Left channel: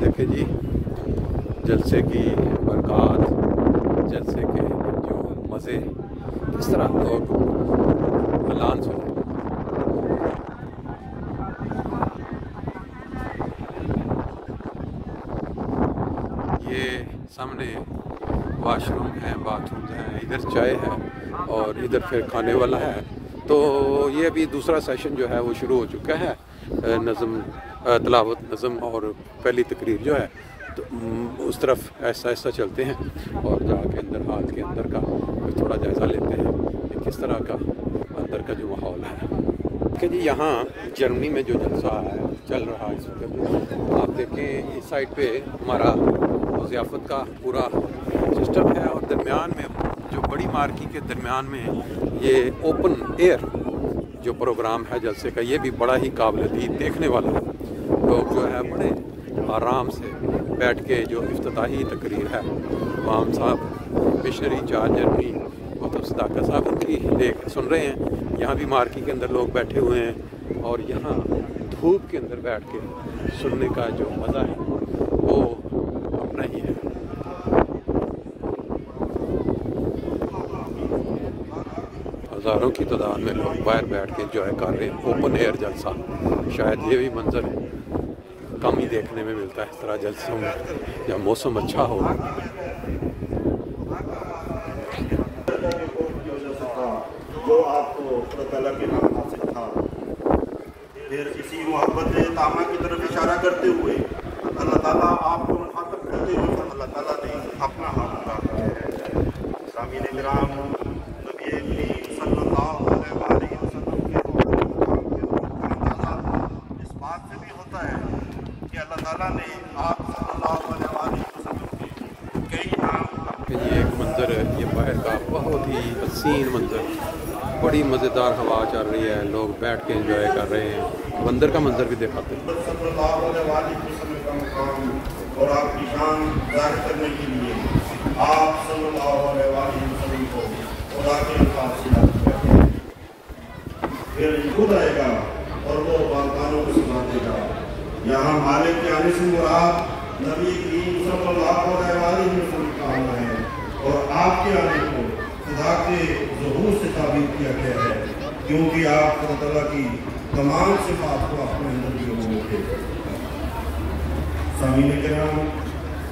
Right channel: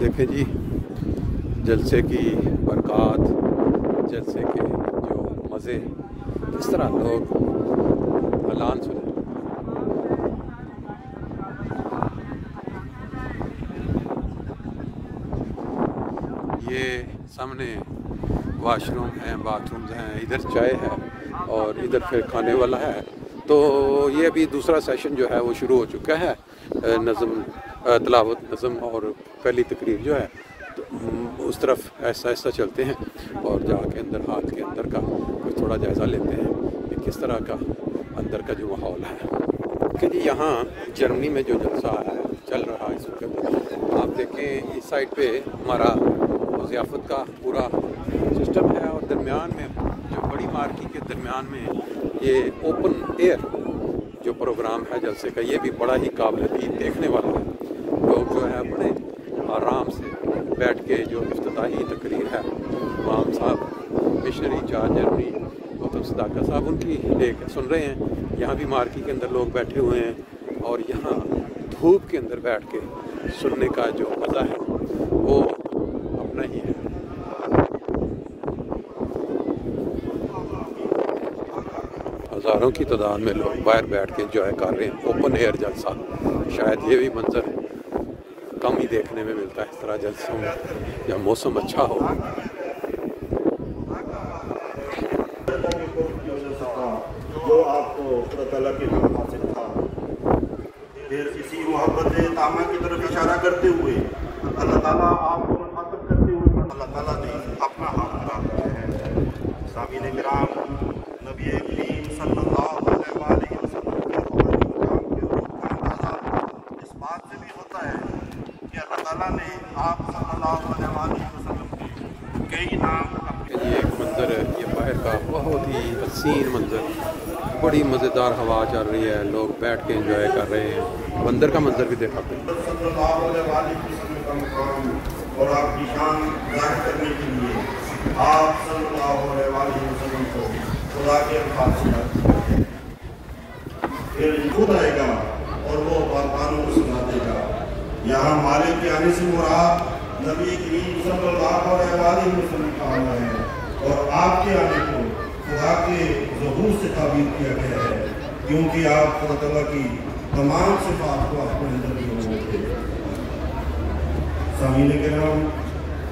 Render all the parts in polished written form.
دیکھیں جی جلسے کی برکات، جلسے کے جو مزے، کس طرح لوگ اعلان سنیں۔ یہ سامنے واش روم ہیں، باتھ رومز ہیں، ادھر چائے ہے اور ادھر پھر کھانے والا ہے۔ تو یہ ابھی دوسرا سیشن جو ہے وہ شروع ہو چکا ہے، نظم تلاوت نظم اور پہلی تقریر جو ہے تو اس طرف ایسا ایسا چلتے ہیں اور جا کے اندر ہال کے اندر کا کوئی تھوڑا جائزہ لیتے ہیں کہ کس طرح کا اندر کا جو ماحول ہے۔ کہ جی یہاں جرمنی میں جو جلسہ ہے چل رہا ہے اس وقت، آپ دیکھیں اس سائڈ پہ ہمارا ضیافت کا پورا سسٹم ہے اور درمیان میں جو بڑی مارکی کے درمیان میں یہ اوپن ایئر جو پروگرام ہے جلسے کا، یہ بھی بڑا ہی قابل دید دیکھنے والا ہے۔ لوگ جو ہے بڑے آرام سے بیٹھ کے جو افتتاحی تقریر ہے امام صاحب مشنری انچارج جرمنی گوتم صداقت صاحب ان کی سن رہے ہیں۔ یہاں بھی مارکی کے اندر لوگ بیٹھے ہوئے ہیں اور یہاں دھوپ کے اندر بیٹھ کے سننے کا جو مزہ ہے وہ اپنا ہی ہے۔ ہزاروں کی تعداد میں لوگ باہر بیٹھ کے انجوائے کر رہے ہیں اوپن ایئر جلسہ۔ شاید یہ بھی منظر کم ہی دیکھنے میں ملتا ہے اس طرح جلسوں میں جب موسم اچھا ہو۔ جو آپ کو خدا تعالیٰ کی محبت سے تھا، پھر اسی محبت سے تعمیر کی طرف اشارہ کرتے ہوئے اللہ تعالیٰ آپ کو مخاطب کرتے ہوئے اللہ تعالیٰ نے اپنا ہاتھ بڑھایا ہے۔ سامعین کرام، نبی کریم صلی اللہ علیہ وسلم اس بات سے بھی ہوتا ہے کہ اللہ تعالیٰ نے آپ صلی اللہ علیہ وسلم کی کئی نام۔ یہ ایک منظر ہے، یہ باہر کا بہت ہی حسین منظر، بڑی مزیدار ہوا چل رہی ہے، لوگ بیٹھ کے انجوائے کر رہے ہیں۔ اب اندر کا منظر بھی دکھاتے ہیں۔ صلی اللہ علیہ وسلم کا مقام اور آپ کی شان ظاہر کرنے کے لیے آپ صلی اللہ علیہ وسلم کو خدا کے الفاظ سے یاد کرتے ہیں۔ پھر خود آئے گا اور وہ باغبانوں کو سنا دے گا۔ یہاں مالک کے آنے سے مراد نبی کریم صلی اللہ علیہ وسلم کا آنا ہے اور آپ کے آنے کو خدا کے ظہور سے تعبیر کیا گیا ہے، کیونکہ آپ خدا تعالیٰ کی تمام صفات کو اپنے اندر لیے ہوئے تھے۔ سامعین کرام،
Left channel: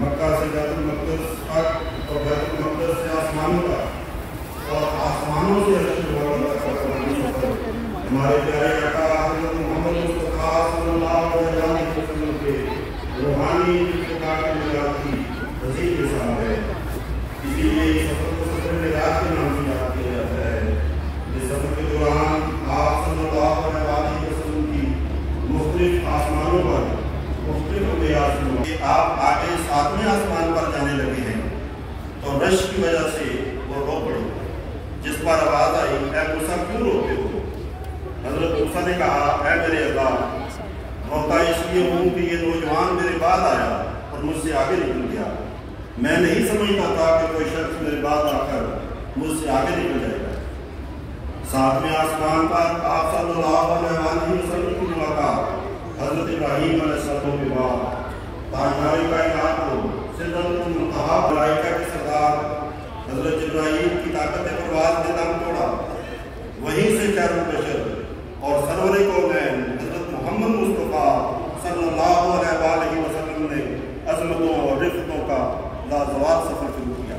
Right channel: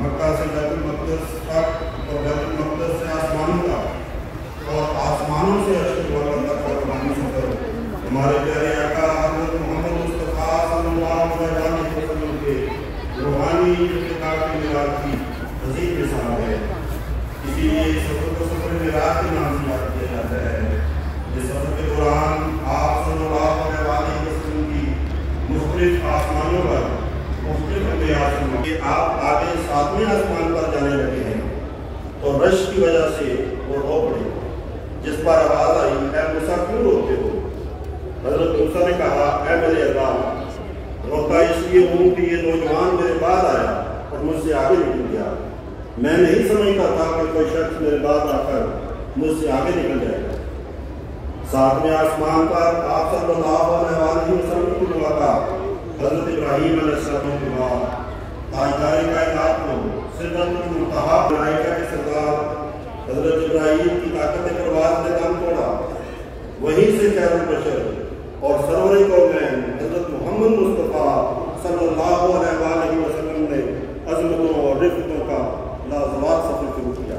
مکہ سے بیت المقدس تک اور بیت المقدس سے آسمانوں تک اور آسمانوں سے ہمارے پیارے آقا حضرت محمد مصطفیٰ صلی اللہ علیہ وسلم کے روحانی ارتقاء کے معراج کی عظیم مثال ہے۔ اسی لیے اس سفر کو سفر معراج کے نام سے یاد کیا جاتا ہے۔ اس سفر کے دوران آپ صلی اللہ علیہ وسلم کی مختلف آسمانوں پر مختلف اندیات میں آپ آگے 7ویں آسمان پر جانے لگے ہیں تو رش کی وجہ سے وہ رو پڑے، جس پر آواز آئی، اے موسیٰ کیوں روتے ہو؟ حضرت موسیٰ نے کہا، اے میرے اللہ، روتا اس لیے ہوں کہ یہ نوجوان میرے بعد آیا اور مجھ سے آگے نکل گیا۔ میں نہیں سمجھتا تھا کہ کوئی شخص میرے بعد آ کر مجھ سے آگے نکل جائے گا۔ 7ویں آسمان پر آپ صلی اللہ علیہ وسلم کی ملاقات حضرت ابراہیم علیہ السلام کے بعد تاجدار کائنات کو سدرۃ المنتہا ملائکہ کے سردار حضرت ابراہیم کی طاقت پرواز نے دم توڑا۔ وہیں سے چاروں بشر اور سرور کونین حضرت محمد مصطفیٰ صلی اللہ علیہ وسلم نے عظمتوں اور رفتوں کا لازوال سفر شروع کیا۔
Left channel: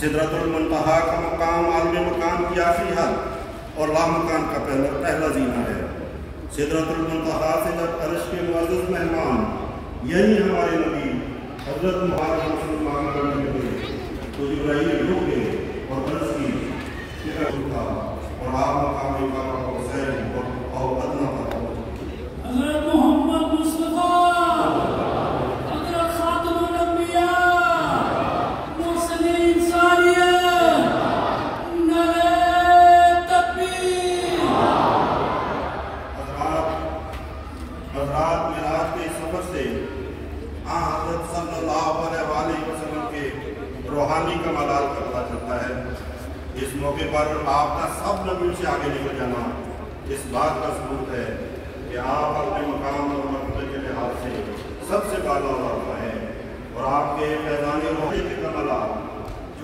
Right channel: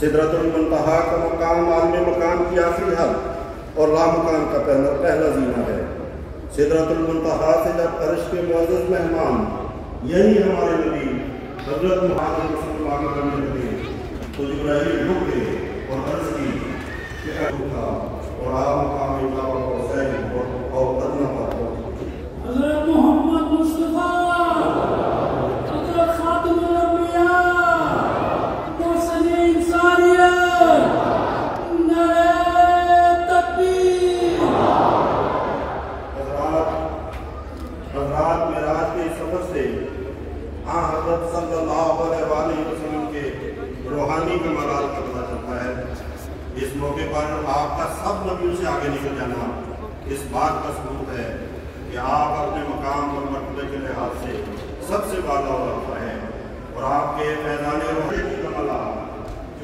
سدرۃ المنتہا کا مقام عالم مقام کی آخری حد اور لامکان کا پہلا زینہ ہے۔ سدرۃ المنتہا سے جب عرش کے معزز مہمان یہی ہمارے نبی حضرت محمد صلی اللہ علیہ وسلم کرنے لگے تو جبرائیل رک گئے اور عرض کی کہ اٹھا اور آپ مقام اقامت و حسین اور ادنا پر حضرت محمد مصطفیٰ، حضرت خاتم الانبیاء، محسن انسانیت، نعرہ تکبیر۔ حضرات معراج کے سفر سے حضرت صلی اللہ علیہ وسلم کے روحانی کمالات کا پتہ چلتا ہے۔ اس موقع پر آپ کا سب نبیوں سے آگے نکل جانا اس بات کا ثبوت ہے کہ آپ اپنے مقام اور مرتبے کے لحاظ سے سب سے بالا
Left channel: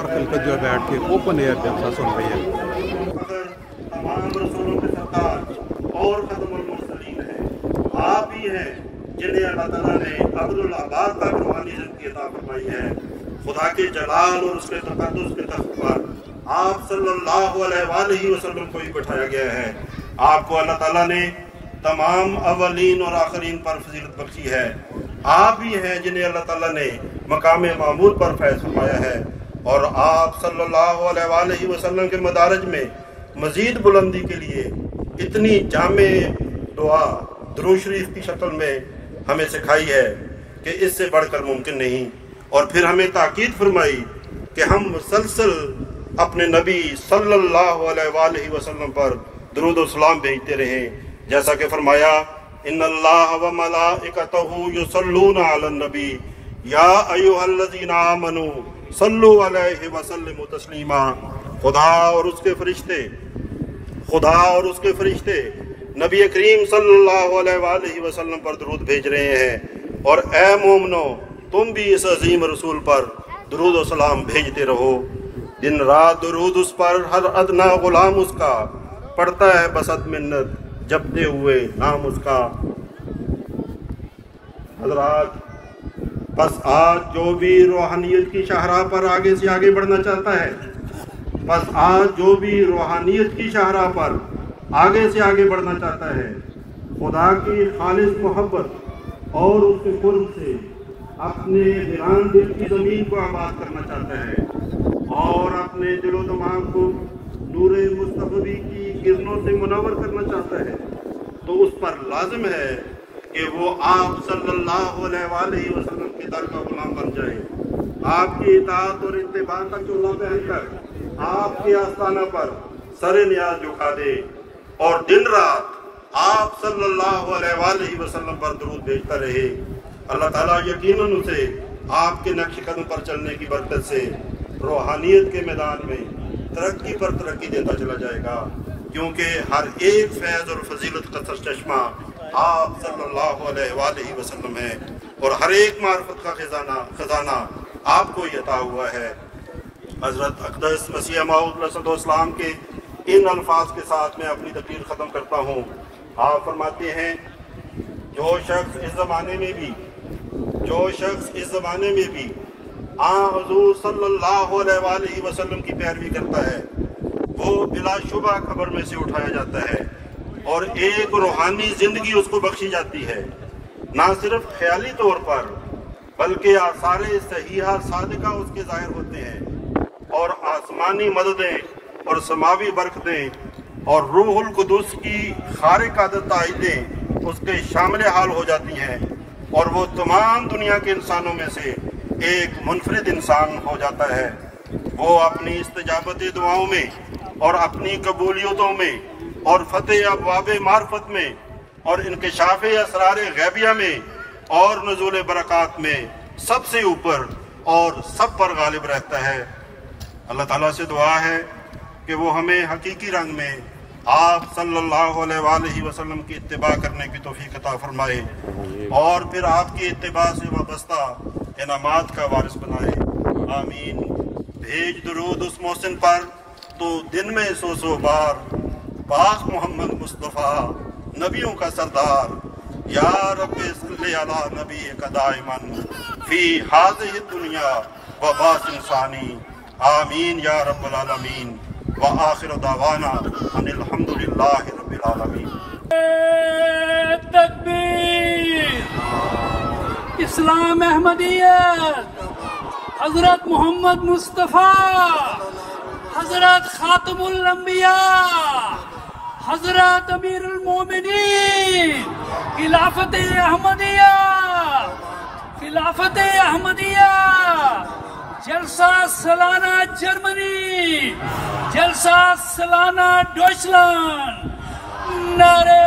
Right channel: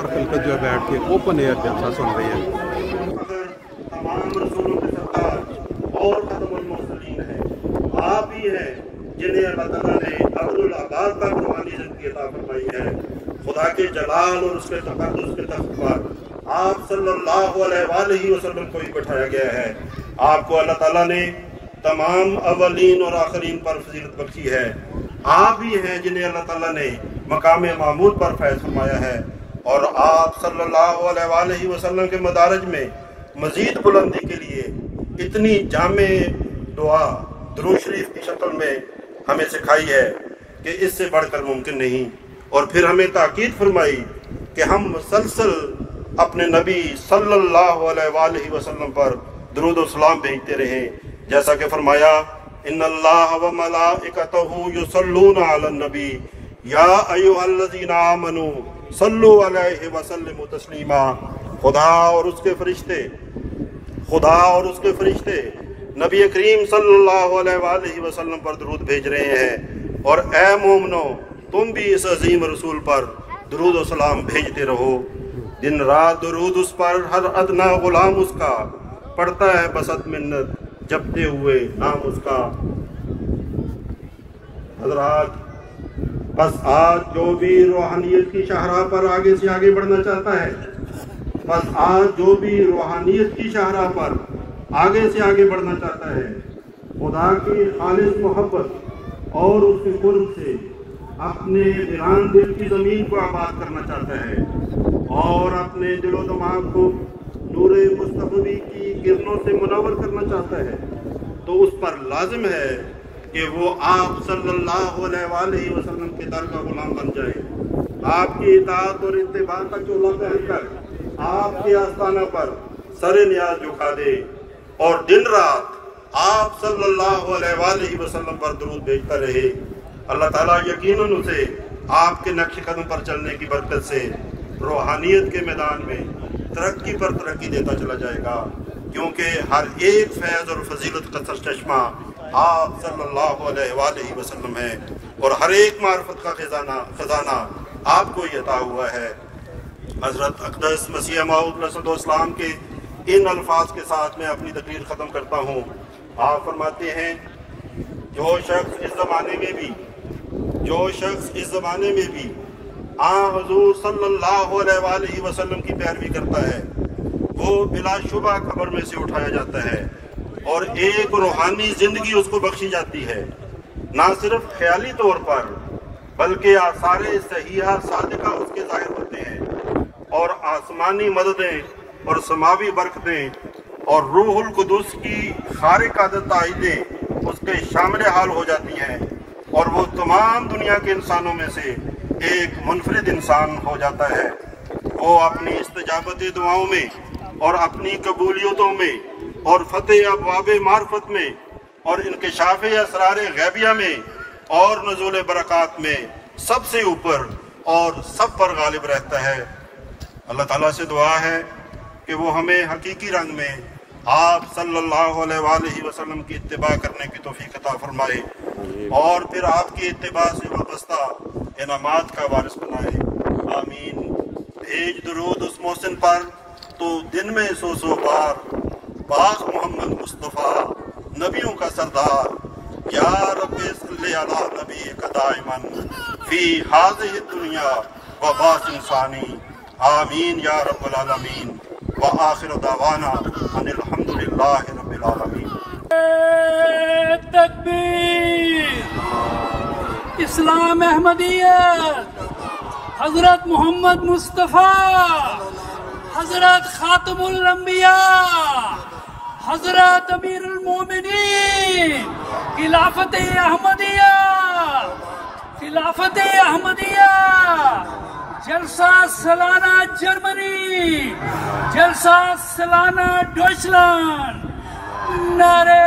سار خلقت جو ہے بیٹھ کے اوپن ایئر جلسہ سن رہی ہے. تمام رسولوں کے سردار اور خاتم المرسلین ہیں. آپ ہی ہیں جنہیں اللہ تعالیٰ نے عبد العباد کا روحانی زندگی عطا فرمائی ہے. خدا کے جلال اور اس کے تقدس کے تخت پر آپ صلی اللہ علیہ وآلہ وسلم کو ہی بٹھایا گیا ہے. آپ کو اللہ تعالیٰ نے تمام اولین اور آخرین پر فضیلت بخشی ہے. آپ ہی ہیں جنہیں اللہ تعالیٰ نے مقام معمور پر فیض فرمایا ہے. اور آپ صلی اللہ علیہ وآلہ وسلم کے مدارج میں مزید بلندی کے لیے اتنی جامع دعا درود شریف کی شکل میں ہمیں سکھائی ہے کہ اس سے بڑھ کر ممکن نہیں. اور پھر ہمیں تاکید فرمائی کہ ہم مسلسل اپنے نبی صلی اللہ علیہ وآلہ وسلم پر درود و سلام بھیجتے رہیں. جیسا کہ فرمایا ان اللہ و ملائکتہ یصلون علی النبی یا ایھا الذین آمنوا صلوا علیہ وسلموا تسلیما. خدا اور اس کے فرشتے نبی کریم صلی اللہ علیہ وآلہ وسلم پر درود بھیج رہے ہیں. اور اے مومنو تم بھی اس عظیم رسول پر درود و سلام بھیجتے رہو. دن رات درود اس پر ہر ادنا غلام اس کا پڑھتا ہے بسط منت جپتے ہوئے نام اس کا. حضرات بس آج جو بھی روحانیت کی شاہراہ پر آگے سے آگے بڑھنا چاہتا ہے خدا کی خالص محبت اور اس کے قرب سے اپنے ویران دل کی زمین کو آباد کرنا چاہتا ہے اور اپنے دل و دماغ کو نور مصطفی کی کرنوں سے منور کرنا چاہتا ہے تو اس پر لازم ہے کہ وہ آپ صلی اللہ علیہ وآلہ وسلم کے در کا غلام بن جائے. آپ کی اطاعت اور اتباع کا چولہا پہن کر آپ کے آستانہ پر سر نیاز جھکا دے اور دن رات آپ صلی اللہ علیہ وآلہ وسلم پر درود بھیجتا رہے. اللہ تعالیٰ یقیناً اسے آپ کے نقش قدم پر چلنے کی برکت سے روحانیت کے میدان میں ترقی پر ترقی دیتا چلا جائے گا. کیونکہ ہر ایک فیض اور فضیلت کا سرچشمہ آپ صلی اللہ علیہ وآلہ وسلم ہے اور ہر ایک معرفت کا خزانہ آپ کو ہی عطا ہوا ہے. حضرت اقدس مسیح موعود علیہ السلام کے ان الفاظ کے ساتھ میں اپنی تقریر ختم کرتا ہوں. آپ فرماتے ہیں جو شخص اس زمانے میں بھی حضور صلی اللہ علیہ وآلہ وسلم کی پیروی کرتا ہے وہ بلا شبہ قبر میں سے اٹھایا جاتا ہے اور ایک روحانی زندگی اس کو بخشی جاتی ہے. نہ صرف خیالی طور پر بلکہ آثار صحیحہ صادقہ اس کے ظاہر ہوتے ہیں اور آسمانی مددیں اور سماوی برکتیں اور روح القدس کی خارق عادت تائیدیں اس کے شامل حال ہو جاتی ہیں اور وہ تمام دنیا کے انسانوں میں سے ایک منفرد انسان ہو جاتا ہے. وہ اپنی استجابت دعاؤں میں اور اپنی قبولیتوں میں اور فتح ابواب معرفت میں اور انکشاف اسرار غیبیہ میں اور نزول برکات میں سب سے اوپر اور سب پر غالب رہتا ہے. اللہ تعالیٰ سے دعا ہے کہ وہ ہمیں حقیقی رنگ میں آپ صلی اللہ علیہ وآلہ وسلم کی اتباع کرنے کی توفیق عطا فرمائے اور پھر آپ کی اتباع سے وابستہ انعامات کا وارث بنائے. آمین. بھیج درود اس محسن پر تو دن میں 100 بار پاک محمد مصطفیٰ نبیوں کا سردار یا رب صلی علی نبی کا دائمن فی ہذہ الدنیا و باس انسانی. آمین یا رب العالمین. وآخر دعوانا ان الحمدللہ رب العالمین. تکبیر. اسلام احمدیت حضرت محمد مصطفیٰ حضرت خاتم الانبیاء حضرت امیر المومنین خلافت احمدیہ جلسہ سالانہ جرمنی جلسہ سالانہ ڈوچلینڈ. نعرہ